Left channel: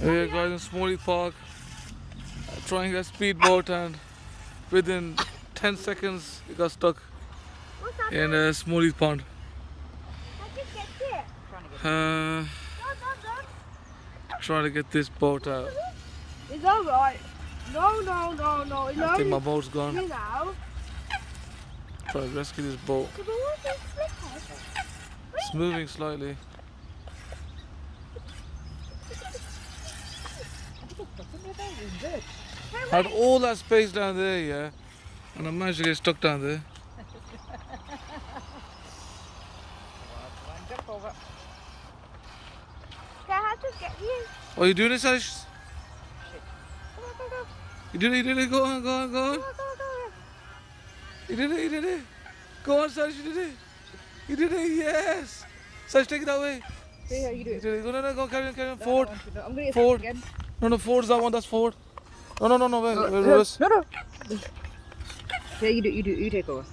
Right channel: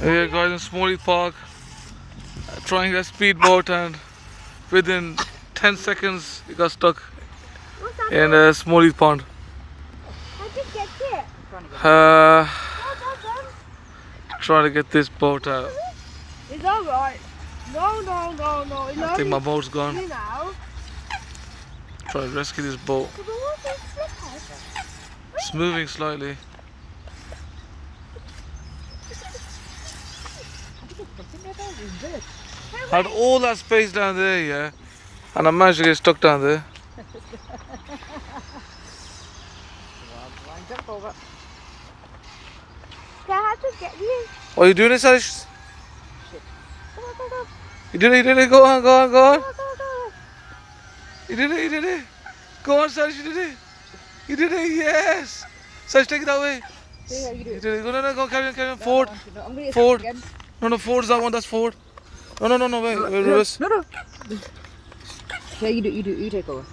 Here guys in Small Heath Park, trying a speedboat, and within 10 seconds he got stuck in a Small Heath Pond. I just get it. Trying to get this boat out. It's alright. No. I think my boat's gone. You know. Trying to rescue this boat. It's moving slightly. Had all that space down there, yeah, and I managed to get stuck down there. I have to get you. Oh, you doing it, Sarish? Go. You did it, go on. Go. You did it. Go on, Sarish, you did it, yes! Sarish, take it that way. See how you do You it. did it, go, carry on, forward. I'm gonna Forward. again. No, forward's that one, that's forward. No, wait, reverse. No. Yeah, you take over.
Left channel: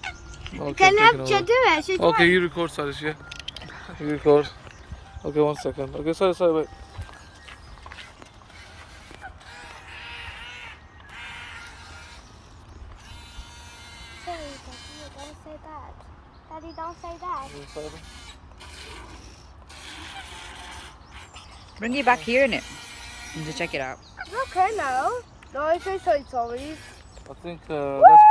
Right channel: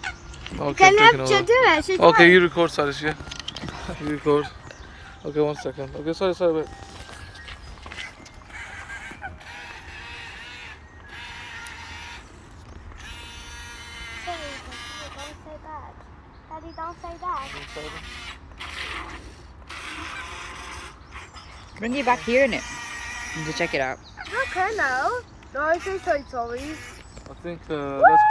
Okay, I'm taking over. do it. She's Okay, you record, Sarish, yeah? You record. Okay, 1 second. Okay, sorry, wait. Daddy, don't say that. Bring you back here in it to check it out. Okay, no. No, I say sorry. I think, let's